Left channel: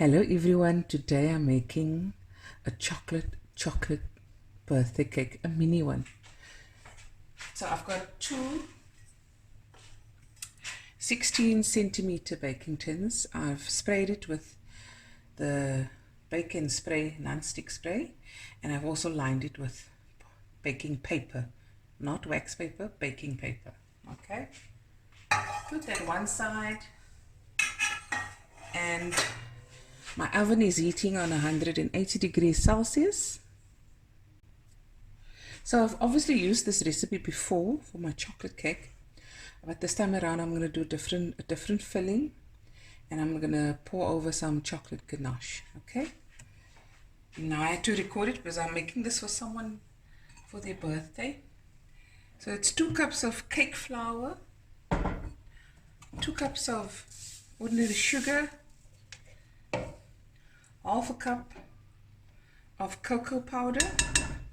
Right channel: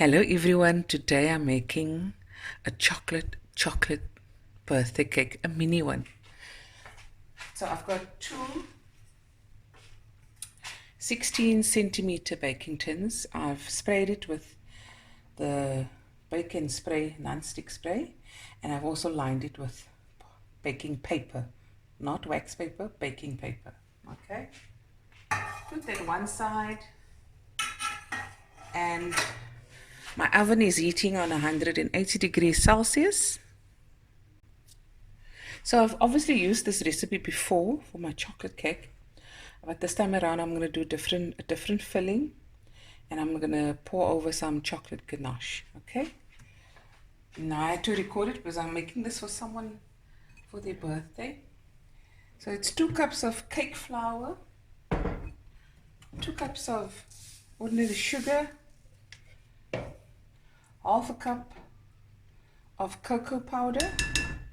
Hello everyone, today I'm making a chocolate birthday cake, a mini one. So I've got two 16 centimeter baking tins. I've sprayed it with the bake spray non-stick spray, and I've also lined it with baking paper, not wax paper, baking paper. Okay, put that one side, and my oven is heating on 180 degrees Celsius. So I've obviously used this recipe before for my chocolate cake, but this time around I'm going to do a different filling, and I'm going to pour over some chocolate ganache. Okay, now I had to record it because I'm making this for someone for their birthday. So it's 2 cups of cake flour, 2 cups of ordinary sugar, half a cup of cocoa powder,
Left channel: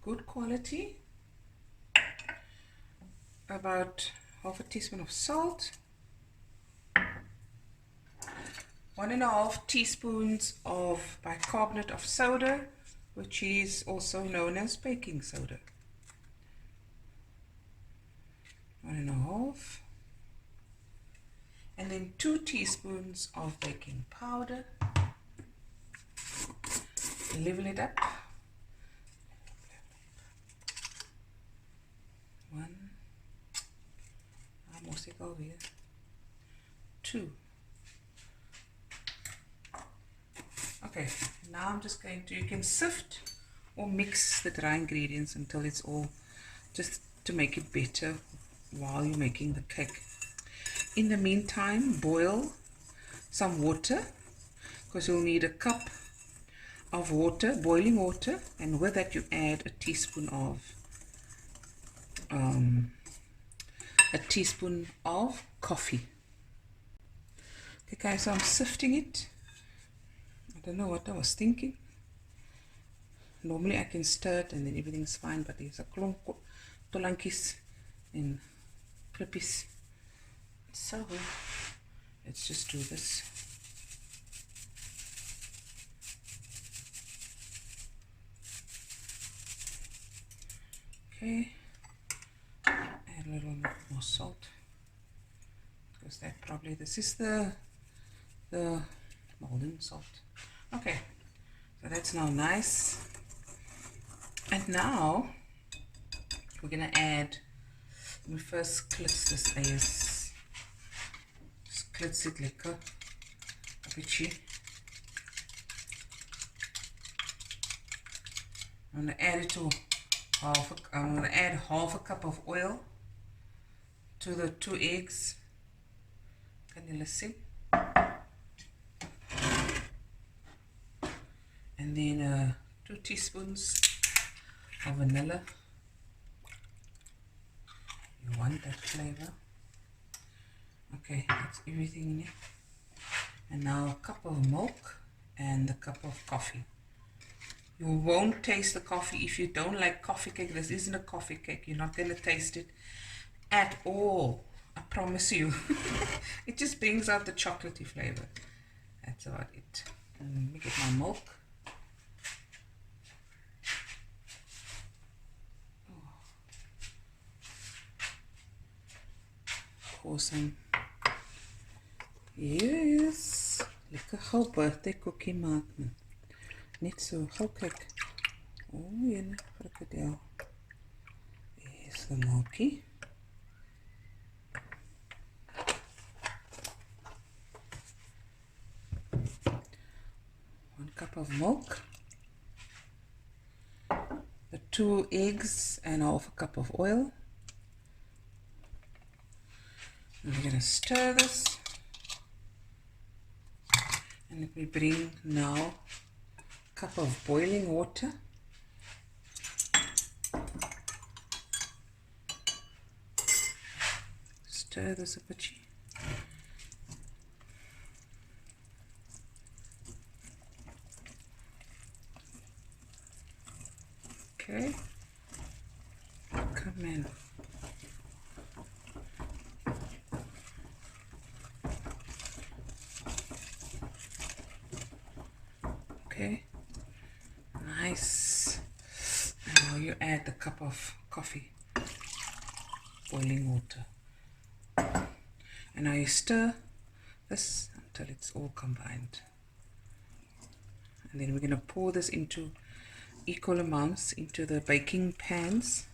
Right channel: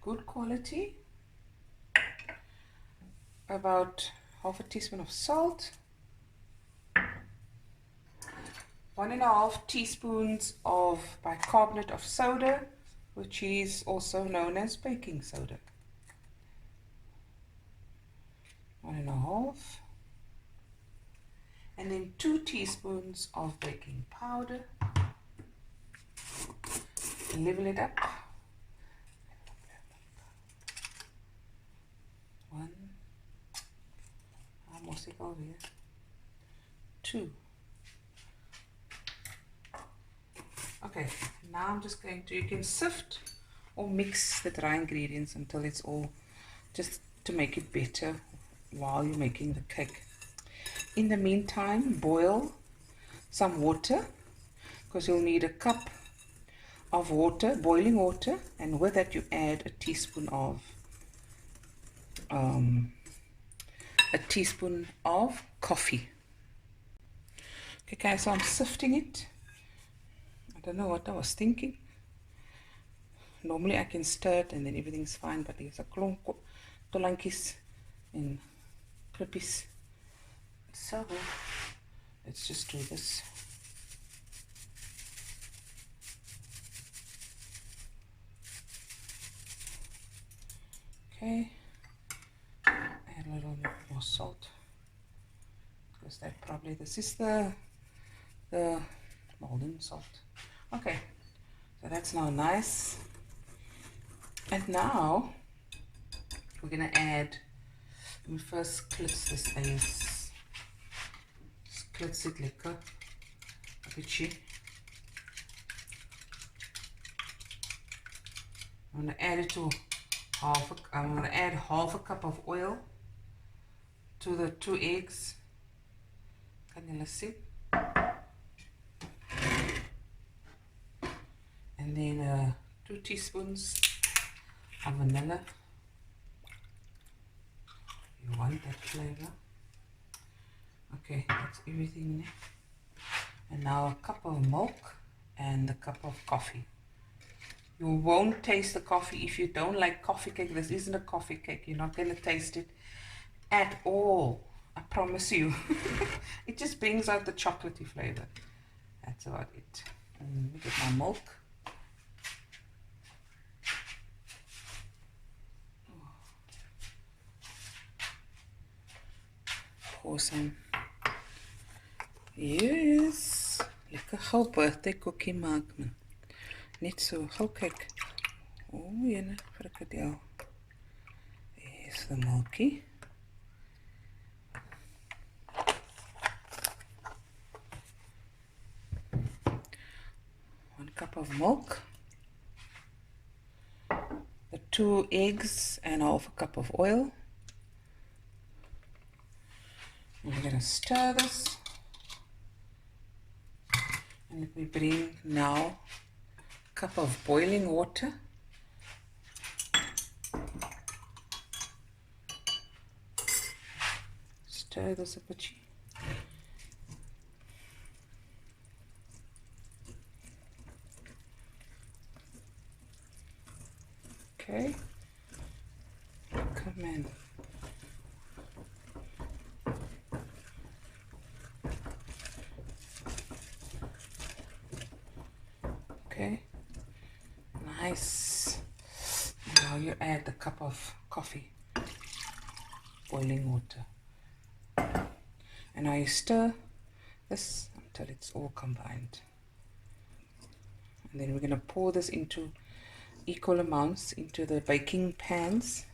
good quality, about half a teaspoon of salt, 1.5 teaspoons of bicarbonate of soda, which is also known as baking soda, 1.5, and then 2 teaspoons of baking powder. Level it up. 1, almost over here. 2. Okay, now I'm just going to, you can sift or mix the dry ingredients until it's all, just to make it better while you're making the cake. In the meantime, boil some water, because you'll need a cup of water, boiling water, and with that you add a teaspoon of coffee. Okay guys, so I'm sifting it. I don't know what I was thinking. Normally I can stir it and then everything's fine, but there's a klomp tolankies and klippies. So let's just do this. Okay, add a little bit more salt, because this is the golden salt. Okay, so that's now nice. And now we're gonna add, let me first klits this eers. Klits it lekker, a bietjie. I'm gonna add it to I'm going to add half a cup of oil to the 2 eggs. Can you see? And then 2 teaspoons of vanilla. You want that flavor. Okay, that's everything in it. And now a cup of milk and a cup of coffee. You won't taste the coffee if you don't like coffee cake. This isn't a coffee cake. You're not going to taste it at all. I promise you. It just brings out the chocolatey flavor. That's about it. And let me get my milk. Pour some. Yes. Lekker gou birthday cookie maak man. Net so, gou kyk. Jene frikadel. Here's the milky. One cup of milk. The 2 eggs and half a cup of oil. And we're going to stir this. And let me bring now cup of boiling water. Stir this a bit. Okay. Come in. Okay, nice. And now you add the cup of coffee, boiling water. And now you stir this until it's all combined. And then we're going to pour this into equal amounts into the baking pans,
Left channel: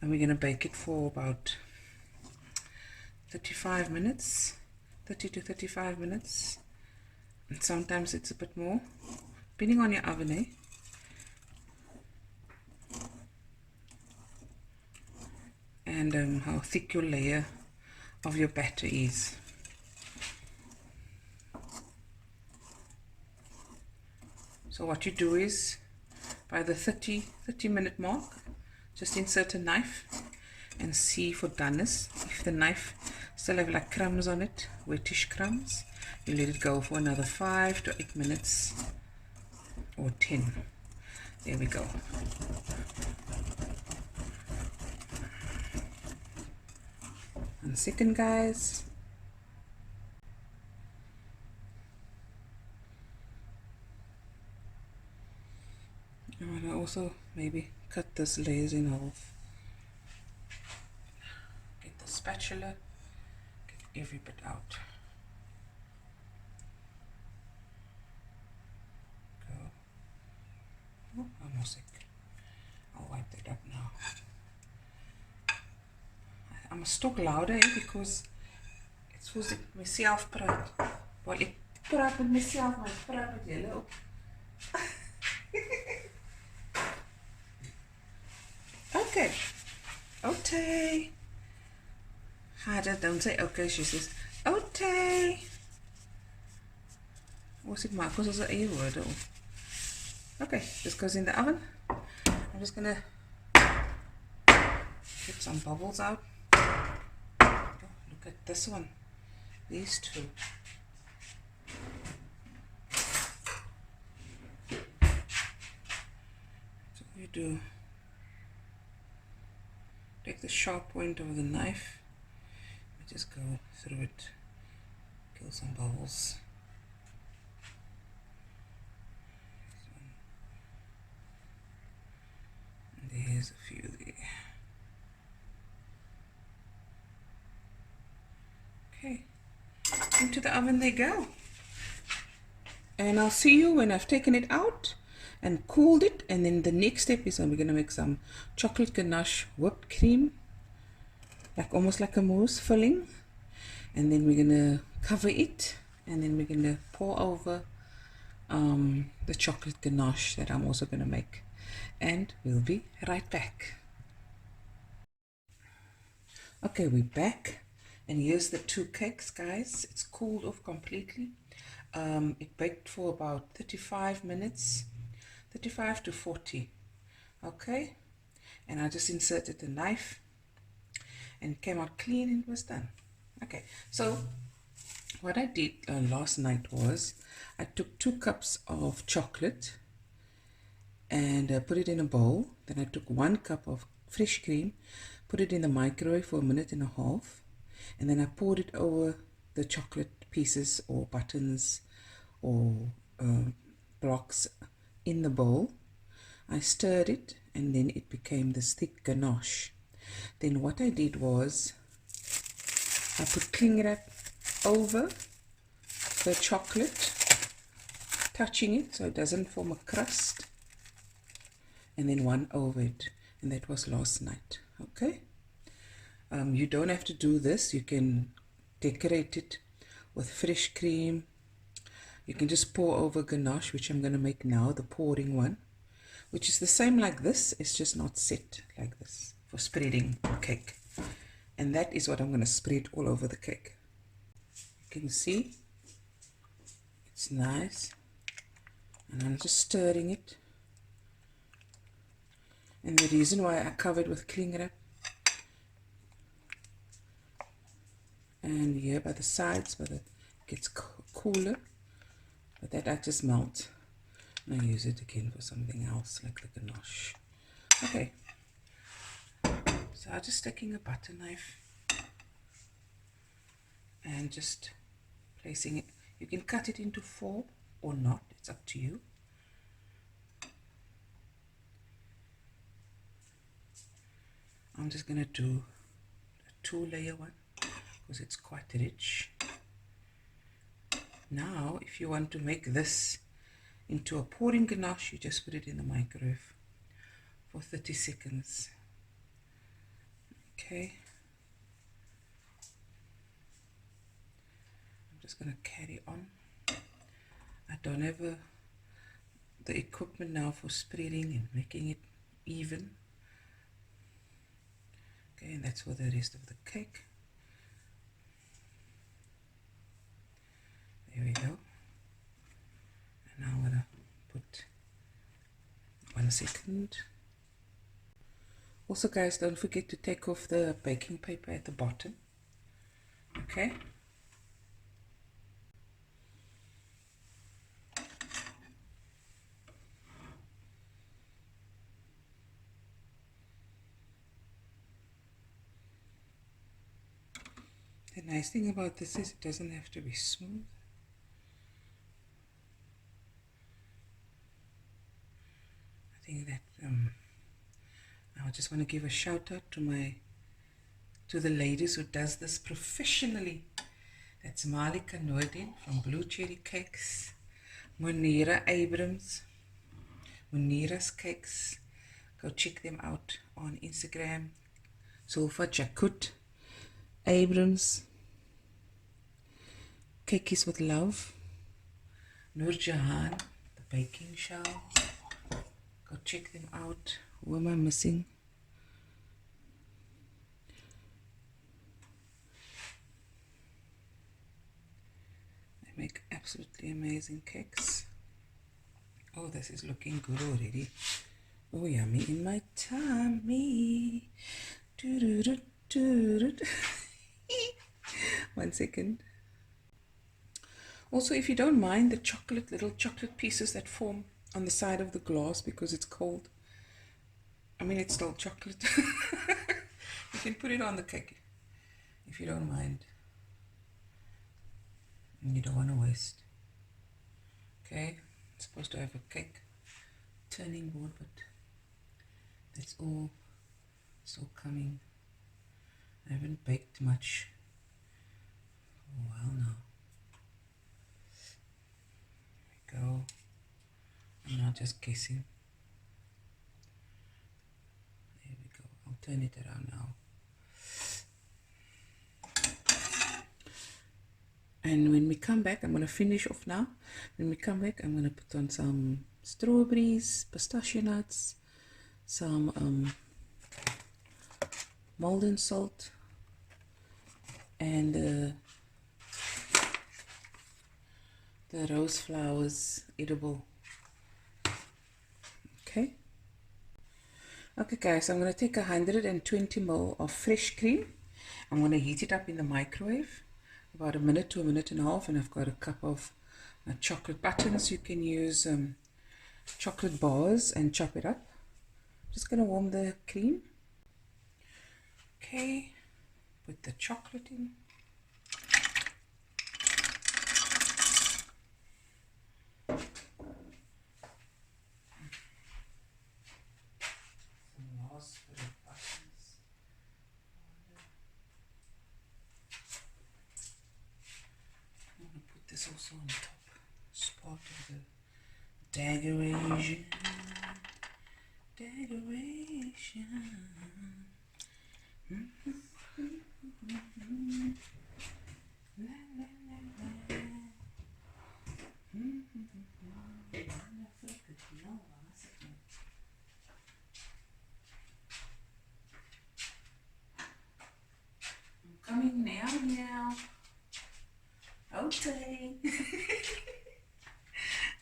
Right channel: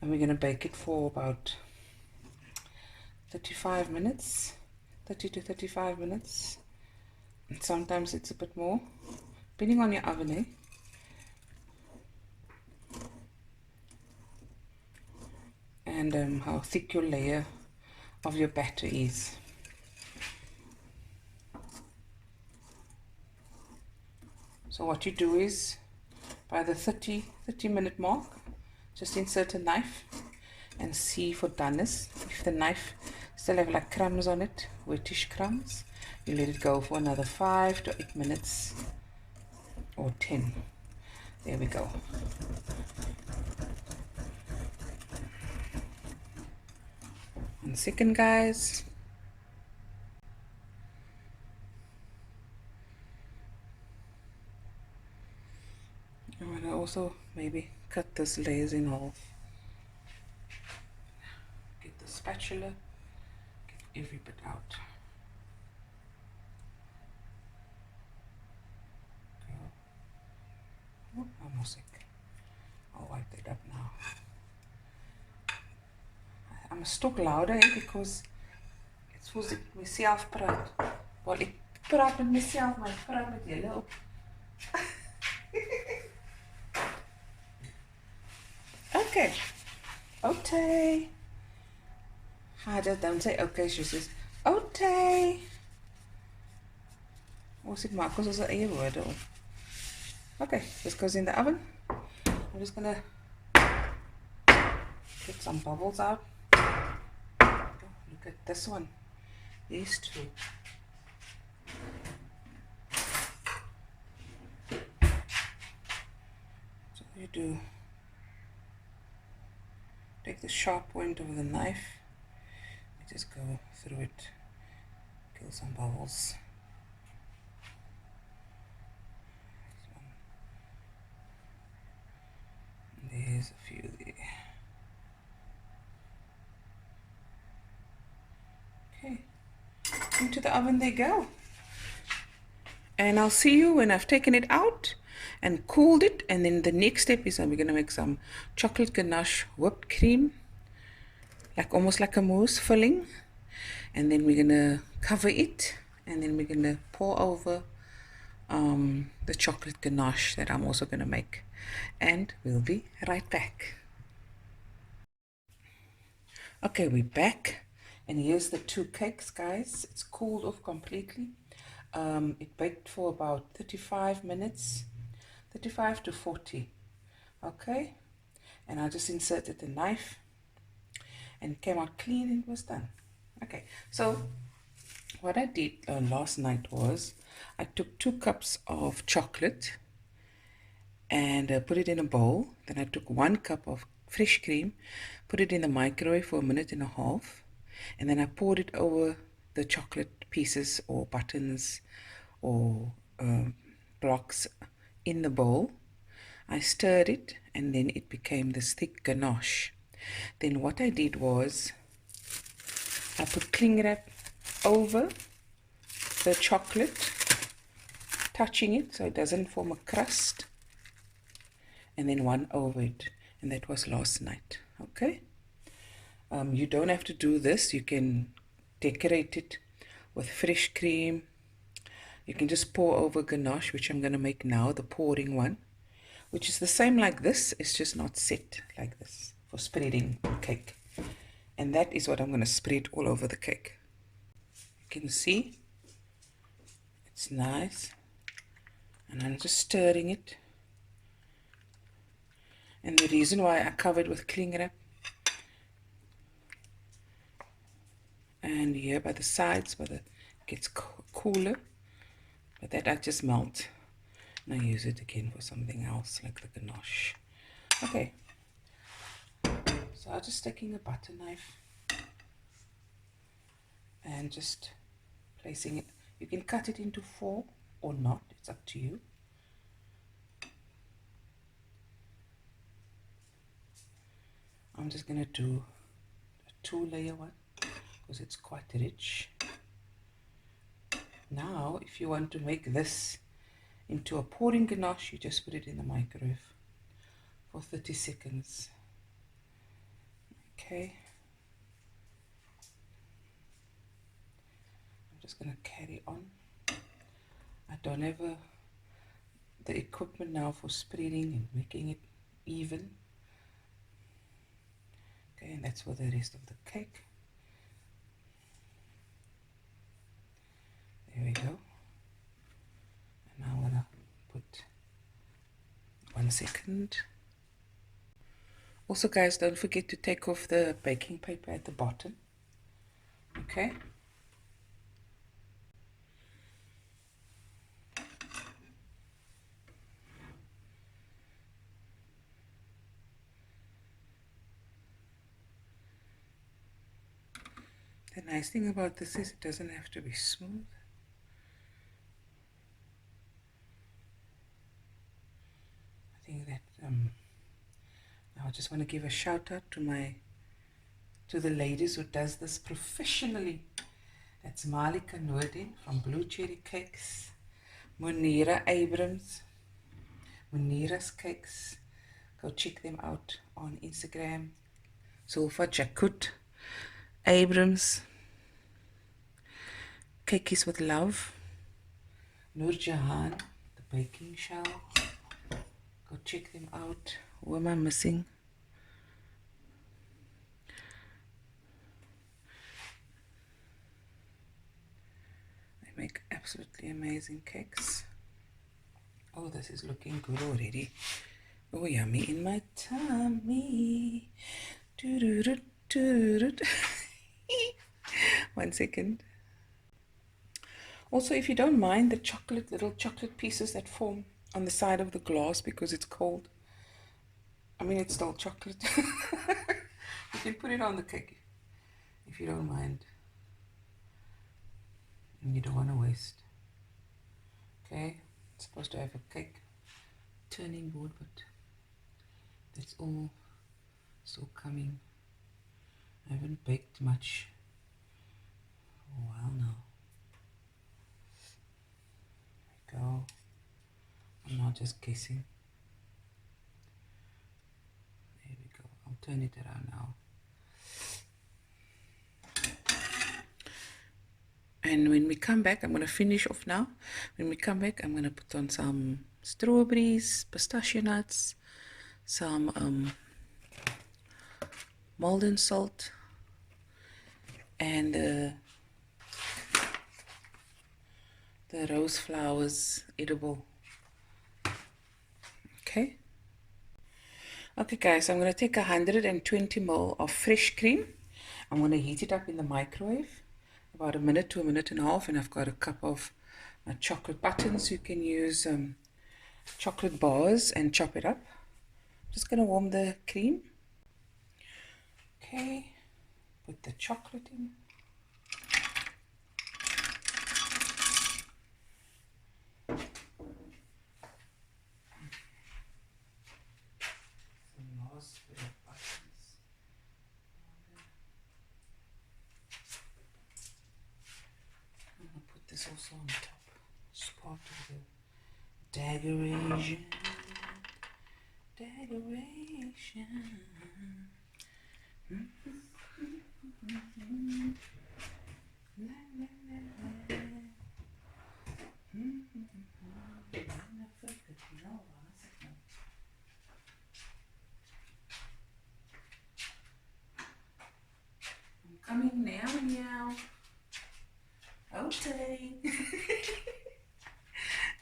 and we're going to bake it for about 35 minutes, 30 to 35 minutes, and sometimes it's a bit more depending on your oven, eh? And how thick your layer of your batter is. So what you do is, by the 30 minute mark, just insert a knife and see for doneness. If the knife still have like crumbs on it, wettish crumbs, you let it go for another 5 to 8 minutes or 10. There we go. One second, guys. I'm gonna also maybe cut this layers in half. Get the spatula, get every bit out. Go. Oh, I'm all sick. I'll wipe that up now. I must talk louder, eh, because it's for myself praat. Well, ek praat met myself, maar ek praat met julle ook. Okay. Okay. Harder, don't say okay, she says okay. What's it mark? Because there's an A word. Okay, this goes in the oven. I'm just gonna get some bubbles out. Oh, look at this one. These two. So you do. Take the sharp point of the knife, you just go through it, kill some bubbles. There's a few there. Okay, into the oven they go. And I'll see you when I've taken it out and cooled it. And then the next step is we're going to make some chocolate ganache whipped cream, like almost like a mousse filling. And then we're going to cover it, and then we're going to pour over the chocolate ganache that I'm also going to make. And we'll be right back. Okay, we're back, and here's the two cakes, guys. It's cooled off completely. It baked for about 35 minutes, 35 to 40. Okay, and I just inserted the knife and it came out clean and it was done. Okay, so what I did last night was I took 2 cups of chocolate and put it in a bowl. Then I took 1 cup of fresh cream, put it in the microwave for 1.5 minutes, and then I poured it over the chocolate pieces or buttons or blocks in the bowl. I stirred it, and then it became this thick ganache. Then what I did was I put cling wrap over the chocolate, touching it so it doesn't form a crust, and then one over it, and that was last night. Okay, you don't have to do this. You can decorate it with fresh cream. You can just pour over ganache, which I'm going to make now, the pouring one, which is the same like this. It's just not set like this for spreading cake. And that is what I'm going to spread all over the cake. You can see it's nice, and I'm just stirring it. And the reason why I covered with cling wrap and here by the sides, but it gets cooler, but that I just melt and I use it again for something else like the ganache. Okay, so I'm just taking a butter knife and just placing it. You can cut it into 4 or not, it's up to you. I'm just going to do a 2-layer one because it's quite rich. Now, if you want to make this into a pouring ganache, you just put it in the microwave for 30 seconds. Okay. I'm just going to carry on. I don't have the equipment now for spreading and making it even. Okay, and that's for the rest of the cake. There we go. And now I'm going to put 1 second. Also, guys, don't forget to take off the baking paper at the bottom. Okay. The nice thing about this is it doesn't have to be smooth. I think that I just want to give a shout out to the ladies who does this professionally. That's Malika Noordin from Blue Cherry Cakes, Munira Abrams, Munira's Cakes. Go check them out on Instagram. Zulfa Jakut Abrams, Cakes with Love, Noor Jahan, the baking show. Go check them out. Who am I missing? They make absolutely amazing cakes. Oh, this is looking good already. Oh, yummy in my tummy. 1 second. Also, if you don't mind the little chocolate pieces that form on the side of the glass because it's cold, I mean, it's still chocolate. You can put it on the cake if you don't mind. And you don't want to waste. Okay, it's supposed to have a cake turning board, but that's all still coming. I haven't baked much for a while now. There we go. I'm not just guessing. There we go. I'll turn it around now. And when we come back, I'm going to finish off now. When we come back, I'm going to put on some strawberries, pistachio nuts, some Malden salt, and the rose flowers edible. Okay. Okay, guys, I'm going to take 120 ml of fresh cream. I'm going to heat it up in the microwave about a minute to a minute and a half, and I've got a cup of chocolate buttons. You can use chocolate bars and chop it up. Just going to warm the cream. Okay, put the chocolate in. This also on top. It's part of the decoration. I'm coming now. Okay.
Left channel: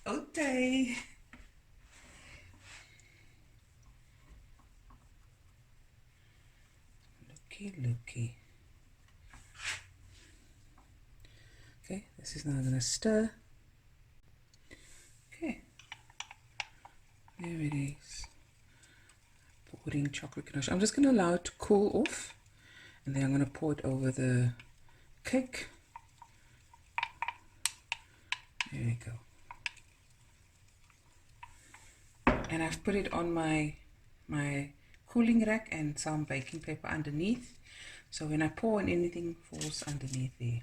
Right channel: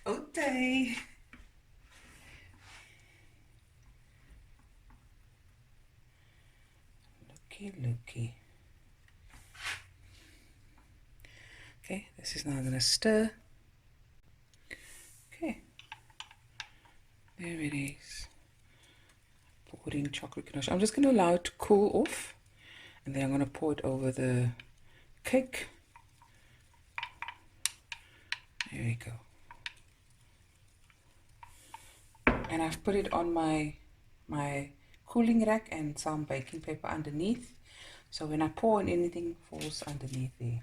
Okay. Looky. Okay, this is now going to stir. Okay. There it is. Pouring chocolate ganache. I'm just going to allow it to cool off, and then I'm going to pour it over the cake. There we go. And I've put it on my cooling rack and some baking paper underneath. So when I pour and anything falls underneath there.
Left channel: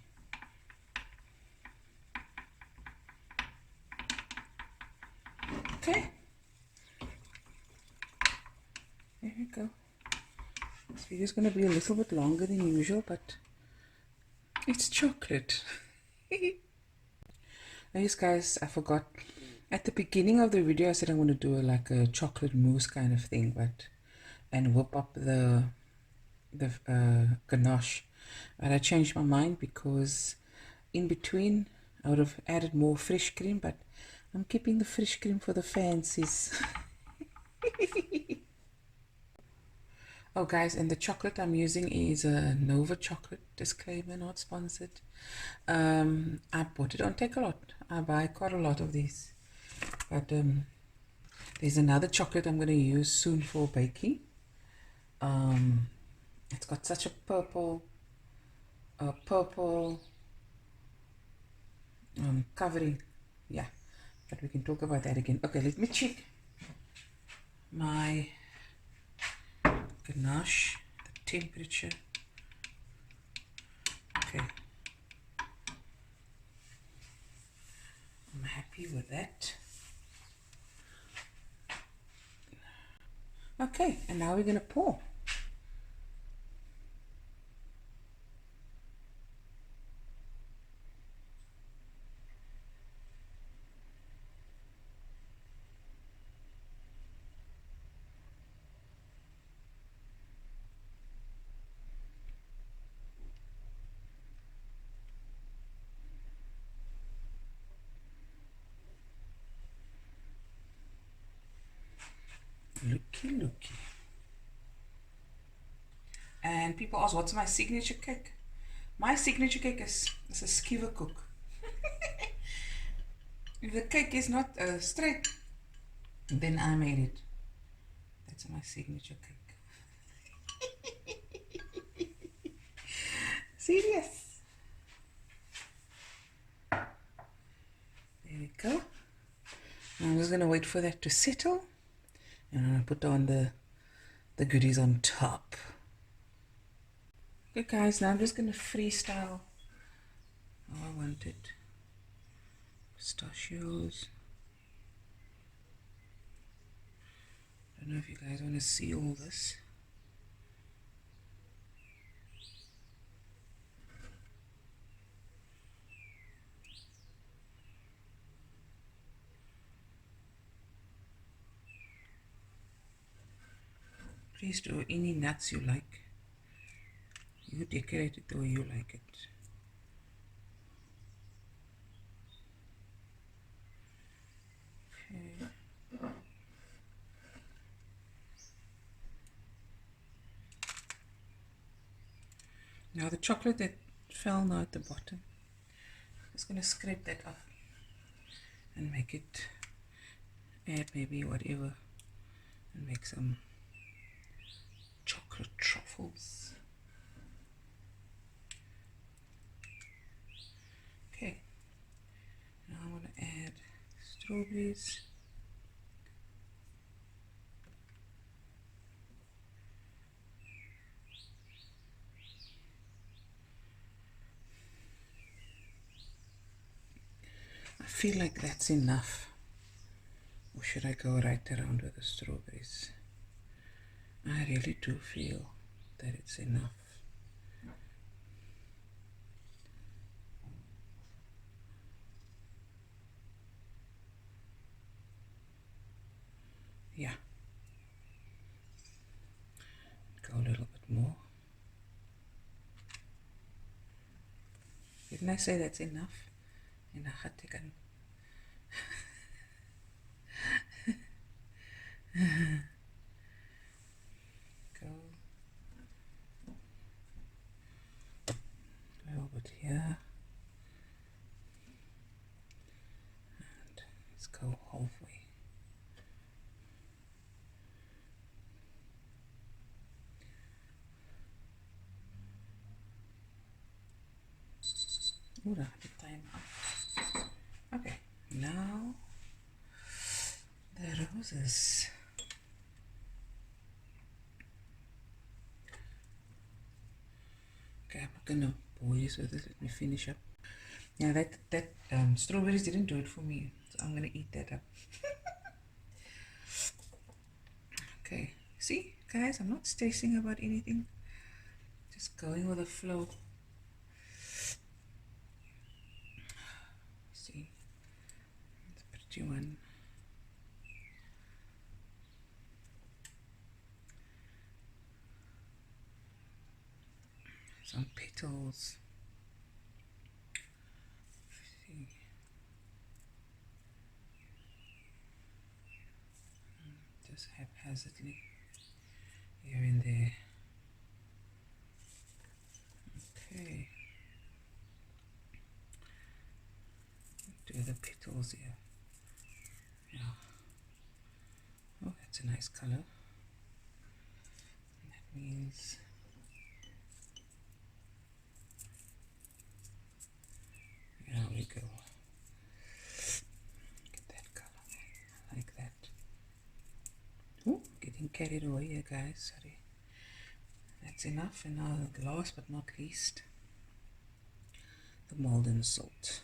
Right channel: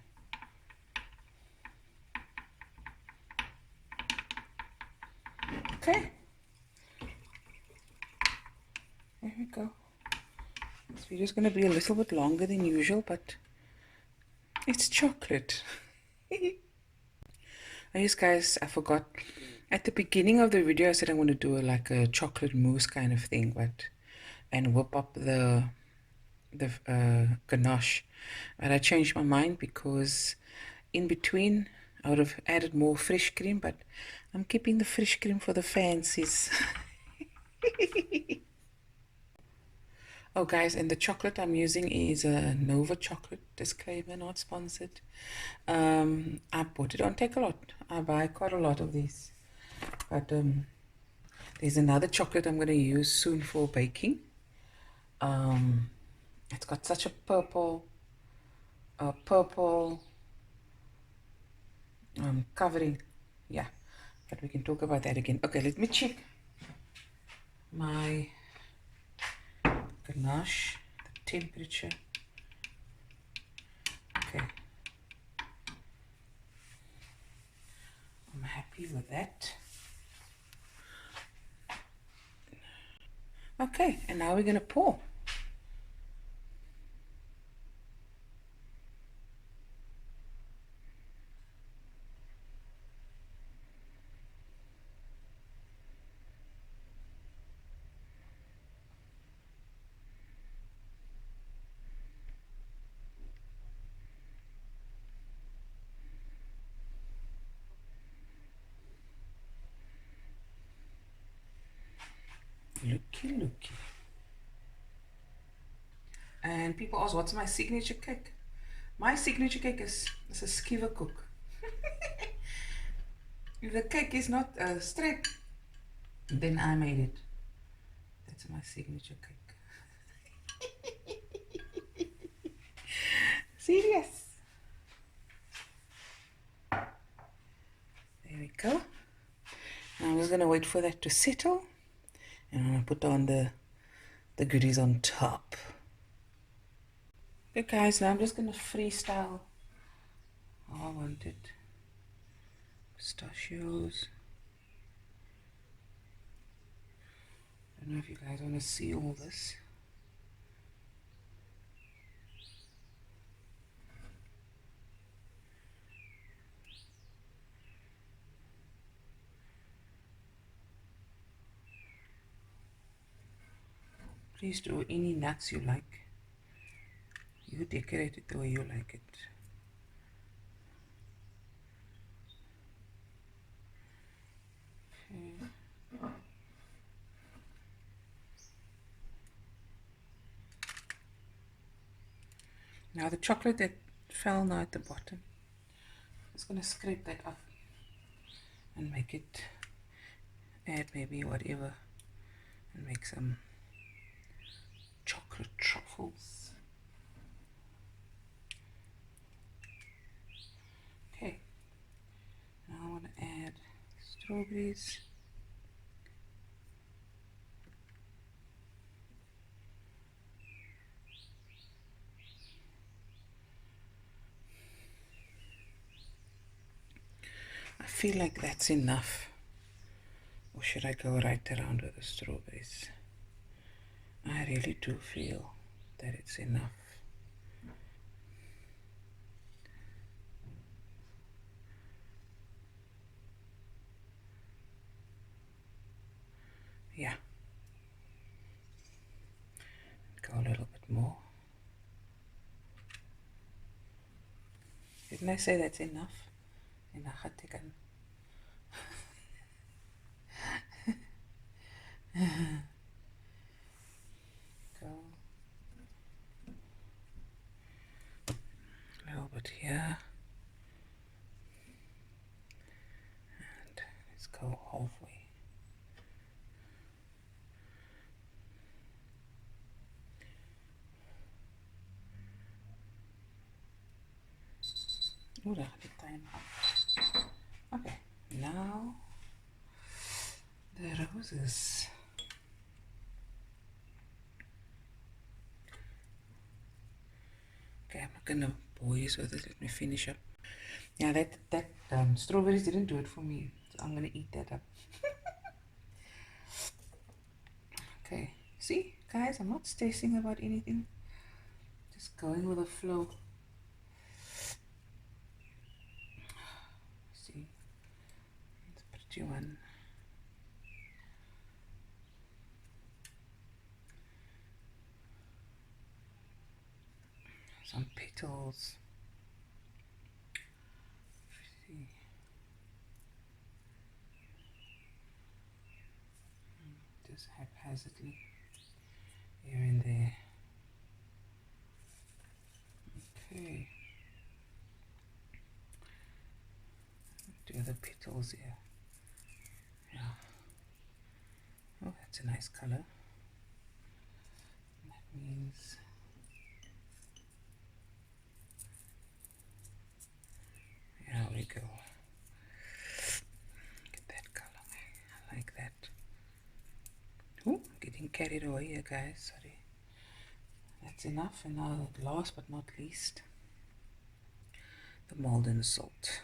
Okay. There you go. This video is going to be a little bit longer than usual, but it's chocolate. Yes, guys, I forgot. At the beginning of the video, I said I want to do like a chocolate mousse kind of thing, and whip up the ganache. But I changed my mind because in between I would have added more fresh cream, but I'm keeping the fresh cream for the fancies. Oh guys, and the chocolate I'm using is a Nova chocolate, disclaimer, not sponsored. I bought it on Take-A-Lot. I buy quite a lot of these, but there's another chocolate I'm going to use soon for baking. It's got such a purple covering. Yeah, but we can talk about that again. Okay, let me check my ganache, the temperature. Okay, I'm happy with that. Okay, and now we're going to pour. Looky. And people ask, what's my signature cake? My signature cake is a skiver cook. If the cake is not straight, then I made it. That's my signature cake. Serious. There we go. Now I'm just going to wait for that to settle. And I'm going to put on the goodies on top. Okay guys, now I'm just going to freestyle how I want it. Pistachios. I don't know if you guys want to see all this. Please do any nuts you like. You decorate it the way you like it. Okay. Now the chocolate that fell now at the bottom, I'm just going to scrape that up and make it, add maybe whatever, and make some chocolate truffles. Okay, now I want to add strawberries. I feel like that's enough. Or should I go right around with the strawberries? I really do feel that it's enough. Yeah. Go a little bit more. Didn't I say that's enough? Go a little bit here. And let's go halfway. Ooh, the time up. Okay, now the roses. Okay, I'm not gonna bore you with this. Let me finish up. Yeah, that strawberries didn't do it for me, so I'm gonna eat that up. Okay, see, guys, I'm not stressing about anything. Just going with the flow. See, it's a pretty one. Some petals. See. Just haphazardly here and there. Okay. Do the petals here. Yeah. Oh, that's a nice color. That means there we go. Get that color. I like that. Ooh, getting carried away here, guys. Sorry. That's enough. And now, last but not least, the molten salt.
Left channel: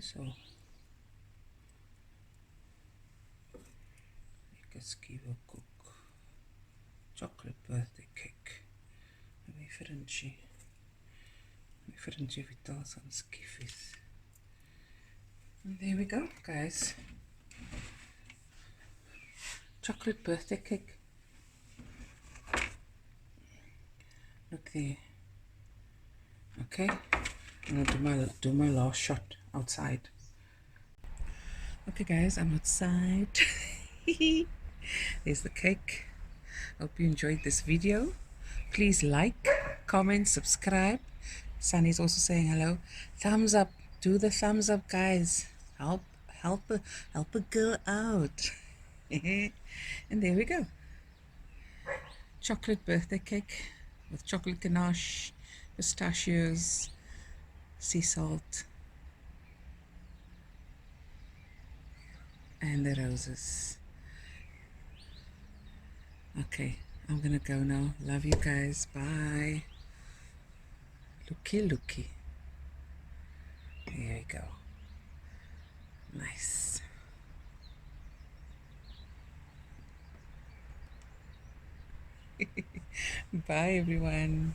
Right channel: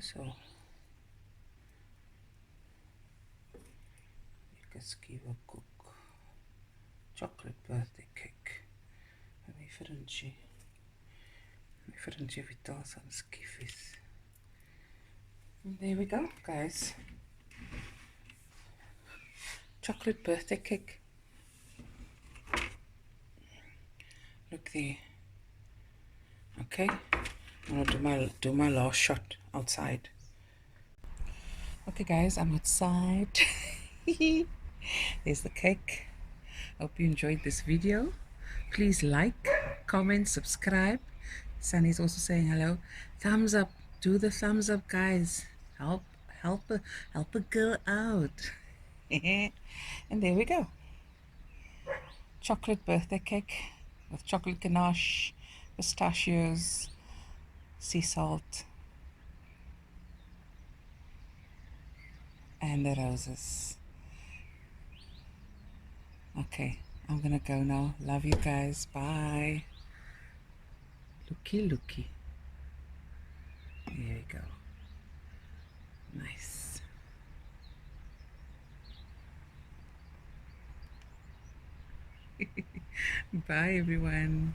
So you can give a cook chocolate birthday cake. Maybe differently. Differently with some skiffies. And there we go, guys. Chocolate birthday cake. Look there. Okay, I'm gonna do my last shot outside. Okay, guys, I'm outside. There's the cake. Hope you enjoyed this video. Please like, comment, subscribe. Sunny's also saying hello. Thumbs up. Do the thumbs up, guys. Help a girl out. And there we go. Chocolate birthday cake with chocolate ganache, pistachios, sea salt, and the roses. Okay, I'm gonna go now. Love you guys. Bye. Looky. There we go. Nice. Bye, everyone.